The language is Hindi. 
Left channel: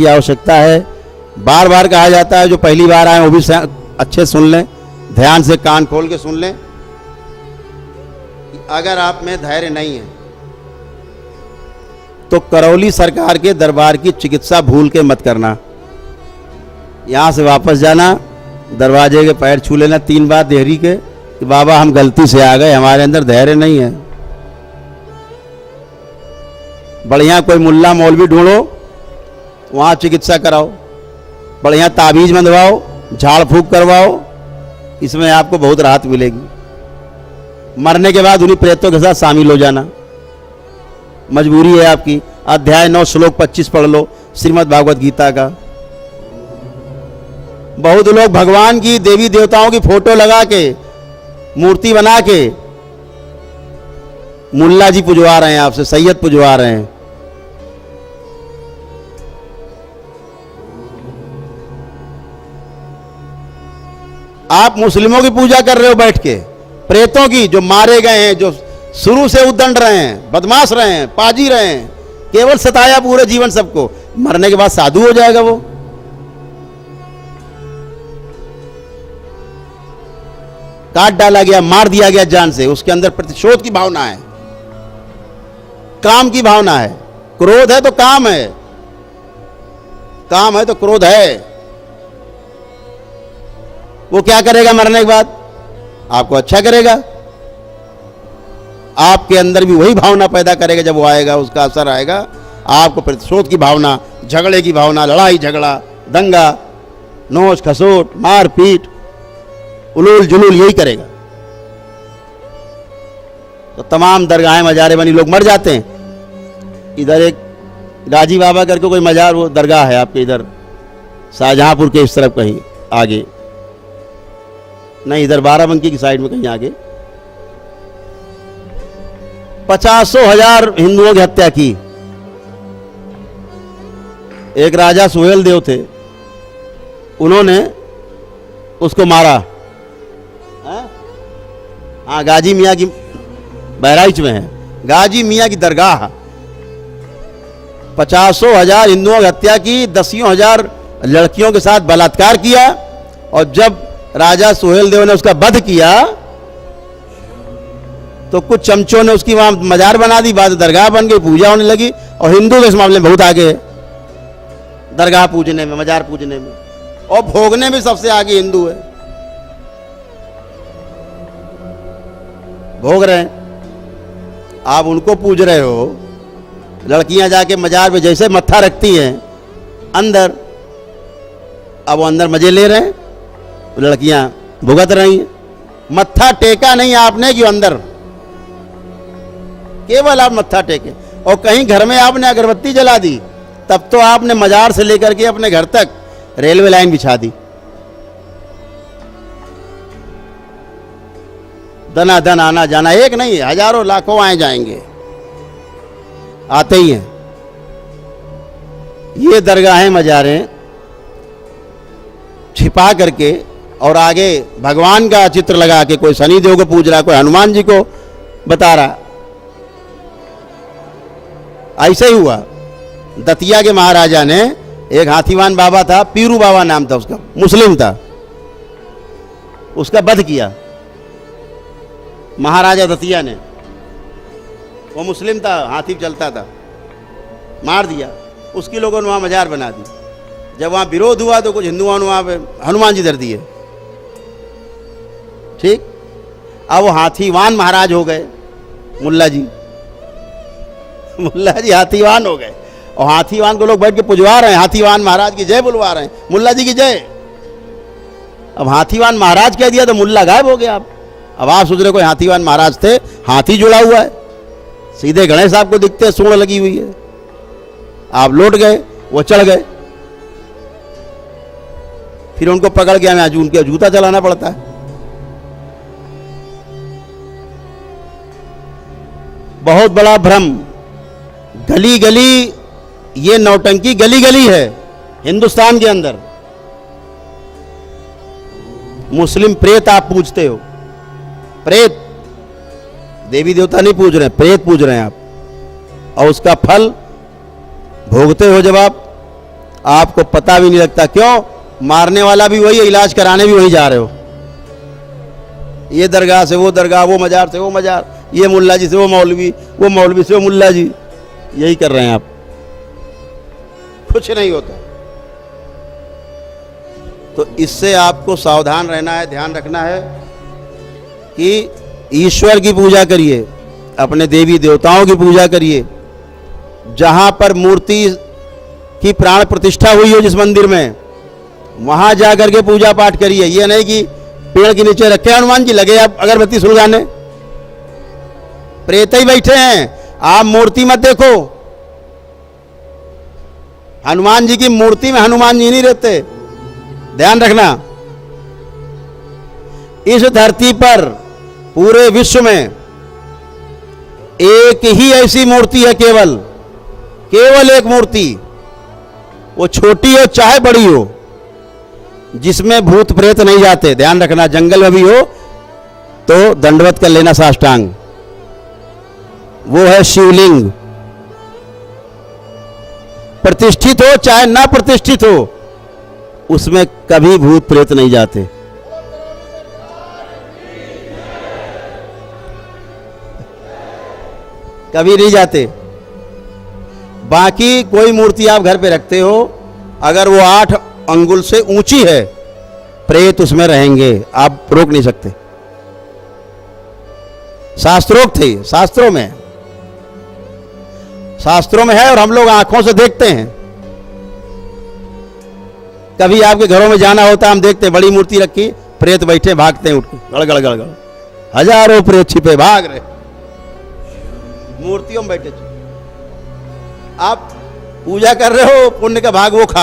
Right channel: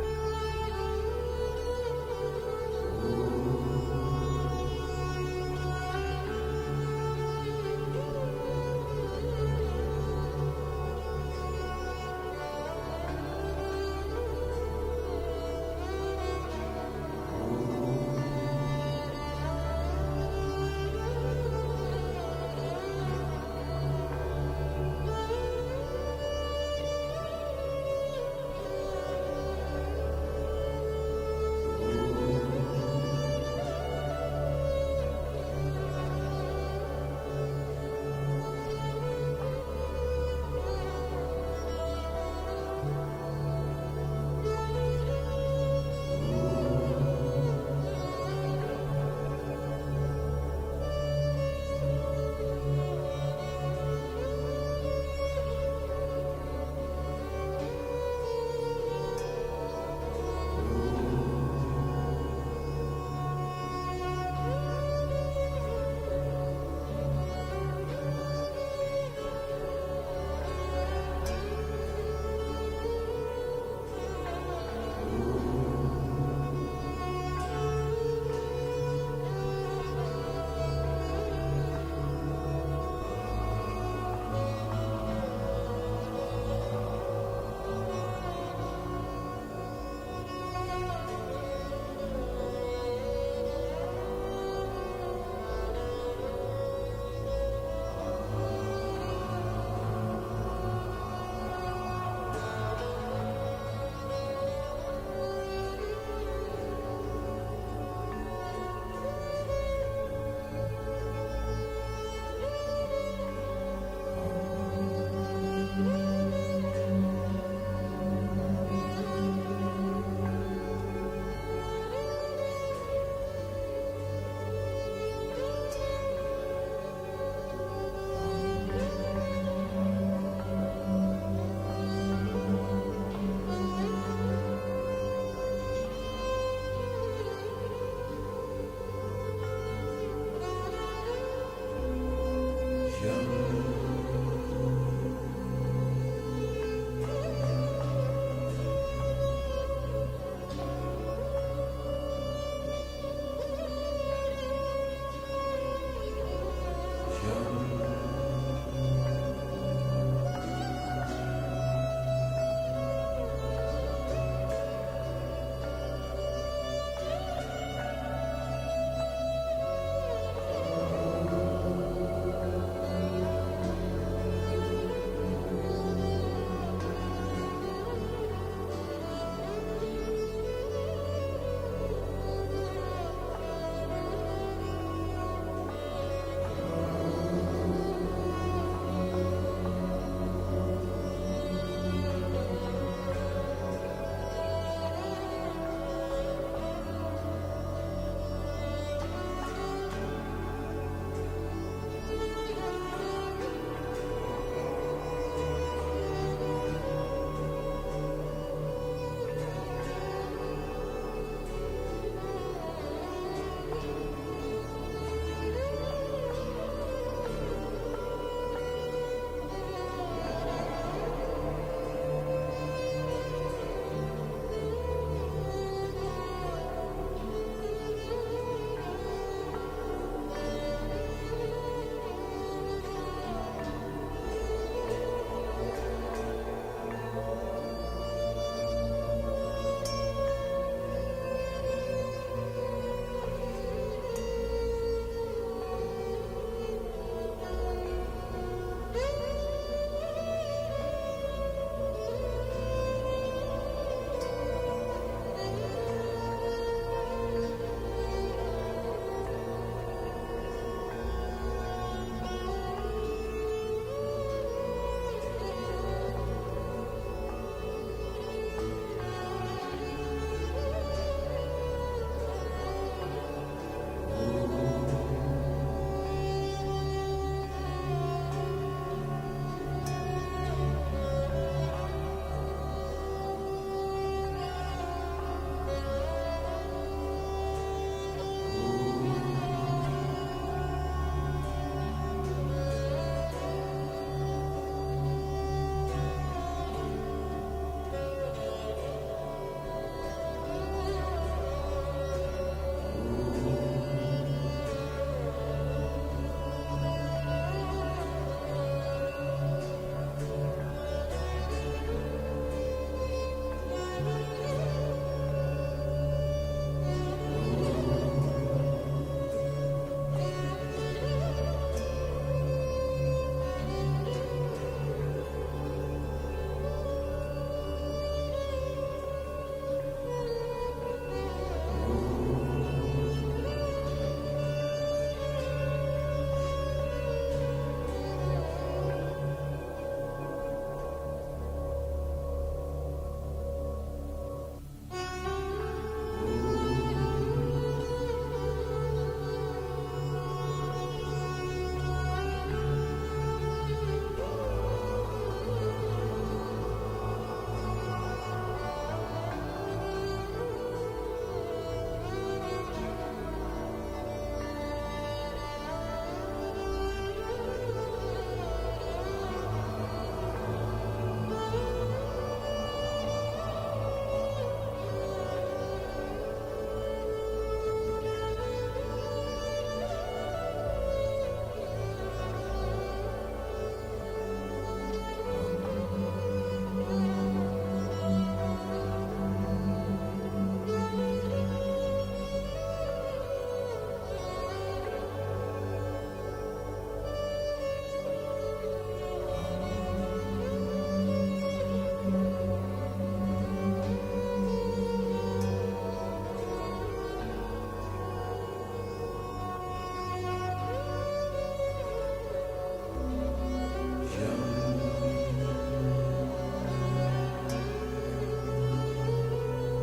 की आवश्यकता है। बार बार कहा जाता है, जो पहली बार आए वो भी अच्छे सुन लें, ध्यान से कान खोल के सुन लें। अगर आप में धैर्य नहीं है तो करौली सरकार के दरबार की चिकित्सा भूल के मत करना। यहां से वापस जाना, दरवाजे के पैर छू लेना 3 बार देहरी के कि बाबा हम गलती से आ गए, हमारे अंदर धैर्य नहीं है। बढ़िया कोई मुल्ला मौलवी ढूंढो, वहां चिकित्सा कराओ, बढ़िया ताबीज बंधवाओ, झाड़ फूक करवाओ, इसमें आपको बहुत राहत मिलेगी। मरने के बाद उन्हीं प्रेतों के साथ शामिल हो जाना, मजबूरी है आपकी। अध्याय 9 श्लोक 25 पढ़ लो श्रीमद् भागवत गीता का। बहुत लोग भगवान की, देवी देवताओं की फोटो लगा के, मूर्ति बना के मुल्ला जी पुजवा रहे हैं, आपसे सैयद पुजवा रहे हैं। आप मुस्लिमों की पूजा कर रहे हो बैठ के, प्रेतों की, जो मारे गए हैं, जो शुरू से उद्दंड रहे हैं, बदमाश रहे हैं, पाजी रहे हैं, केवल सताया पूरे जीवन सबको, मरने के बाद साधु हो जाएगा वो। काट डाला गया, मार दिया गया जान से, उसके अंदर प्रतिशोध की भावना है, काम की भावना है। क्रोध है तो काम है, काम है तो क्रोध है। वो क्या करेगा मरने के बाद? आपको अच्छा करेगा, आपके अंदर भी वही भावना पैदा करेगा। जब वो आएगा, उसका असर आएगा, आपको प्रतिशोध की भावना, झगड़े की भावना, लड़ाई झगड़ा, दंगा, नोच खसोट, मार पीट, उलूल जुलूल, यही करेगा। तो तमाम दरगाहें मजारे बनी, लोग मर जाते हैं। इधर एक गाजी बाबा करके कोई मजार, वो दरगाह है आपके इधर शाहजहांपुर के इस तरफ कहीं आगे, नहीं इधर बाराबंकी की साइड में कहीं आगे, 50,000 हिंदुओं की हत्या की। एक राजा सुहेल देव थे, उन्होंने उसको मारा। हाँ, गाजी मियाँ की, बहराइच में है गाजी मियाँ की दरगाह। 50,000 हिंदुओं की हत्या की, 10,000 लड़कियों के साथ बलात्कार किया। और जब राजा सुहेल देव ने उसका वध किया तो कुछ चमचों ने उसकी वहां मजार बना दी, बाद दरगाह बन गई, पूजा होने लगी। और हिंदू इस मामले में बहुत आगे है, दरगाह पूजने में, मजार पूजने में, और भोगने में सबसे आगे हिंदू है। भोग रहे हैं, आप उनको पूज रहे हो। लड़कियां जाके मजार पे जैसे मत्था रखती हैं अंदर, अब वो अंदर मजे ले रहे हैं, लड़कियां भुगत रही हैं। मत्था टेका नहीं आपने कि अंदर, केवल आप मत्था टेके। और कहीं घर में आपने अगरबत्ती जला दी, तब तो आपने मजार से लेकर के अपने घर तक रेलवे लाइन बिछा दी। दना दन आना जाना, एक नहीं हजारों लाखों आए जाएंगे, आते ही हैं। ये दरगाहें मजारें छिपा करके और आगे भगवान का चित्र लगा के, कोई शनि देव को पूज रहा, कोई हनुमान जी को बता रहा। ऐसे ही हुआ। दतिया के महाराजा ने, एक हाथीवान बाबा था, पीरू बाबा नाम था उसका, मुस्लिम था, उसका वध किया महाराजा दतिया ने। वो मुस्लिम था, हाथी चलता था, मार दिया। उसकी लोगों ने वहां मजार बना दी। जब वहां विरोध हुआ तो कुछ हिंदुओं ने वहां पे हनुमान जी धर दिए। ठीक, अब वो हाथीवान महाराज हो गए, मुल्ला जी हाथीवान हो गए। और हाथीवान को लोग बैठ के पुजवा रहे हैं, हाथीवान महाराज की जय बुलवा रहे हैं, मुल्ला जी की जय। अब हाथीवान महाराज कह दिया तो मुल्ला गायब हो गया। अब आप सोच रहे कोई हाथीवान महाराज थे, हाथी जुड़ा हुआ है, सीधे गणेश साहब को दिखते हैं, सूंड लगी हुई है। आप लौट गए, वो चढ़ गए, फिर उनको पकड़ के हमें उनके जूता चलाना पड़ता है। बहुत बड़ा भ्रम। गली गली ये नौटंकी गली गली है हिंदुस्तान के अंदर। मुस्लिम प्रेत आप पूजते हो, प्रेत, देवी देवता नहीं पूज रहे, प्रेत पूज रहे हैं आप, और उसका फल भोगते हो जब आप। आपको पता भी नहीं लगता। क्यों? मारने वाला भी वही है, इलाज कराने भी वही जा रहे हो। ये दरगाह से वो दरगाह, वो मजार से वो मजार, ये मुल्ला जी से वो मौलवी से वो मुल्ला जी, यही कर रहे हैं आप, कुछ नहीं होता। तो इससे आपको सावधान रहना है, ध्यान रखना है कि ईश्वर की पूजा करिए, अपने देवी देवताओं की पूजा करिए। जहां पर मूर्ति की प्राण प्रतिष्ठा हुई हो, जिस मंदिर में, वहां जाकर के पूजा पाठ करिए। ये नहीं कि पेड़ के नीचे रखे हनुमान जी, लगे आप अगरबत्ती सुलगाने, प्रेत ही बैठे हैं। आप मूर्ति मत देखो, हनुमान जी की मूर्ति में हनुमान जी नहीं रहते, ध्यान रखना। इस धरती पर पूरे विश्व में एक ही ऐसी मूर्ति है, केवल एक मूर्ति, वो छोटी हो चाहे बड़ी हो, जिसमें भूत प्रेत नहीं जाते। ध्यान रखना, जंगल में भी हो तो दंडवत कर लेना साष्टांग। वो है शिवलिंग। प्रतिष्ठित हो चाहे ना प्रतिष्ठित हो, उसमें कभी भूत प्रेत नहीं जाते। कभी नहीं जाते। बाकी कोई मूर्ति आप घर पे रखते हो, अगर वो 8 अंगुल से ऊंची है, प्रेत उसमें रहेंगे, आप रोक नहीं सकते। शास्त्रोक्त थे, शास्त्रों में है, और हम लोग आंखों से देखते हैं। कभी आपके घरों में जाना होता है, हम देखते हैं बड़ी मूर्ति रखी, प्रेत बैठे, भागते हैं उठ के, गड़गड़ गड़गड़, हजारों प्रेत छिपे भाग रहे, मूर्तियों में बैठे। आप पूजा कर रहे हो, पुण्य का भाग वो खा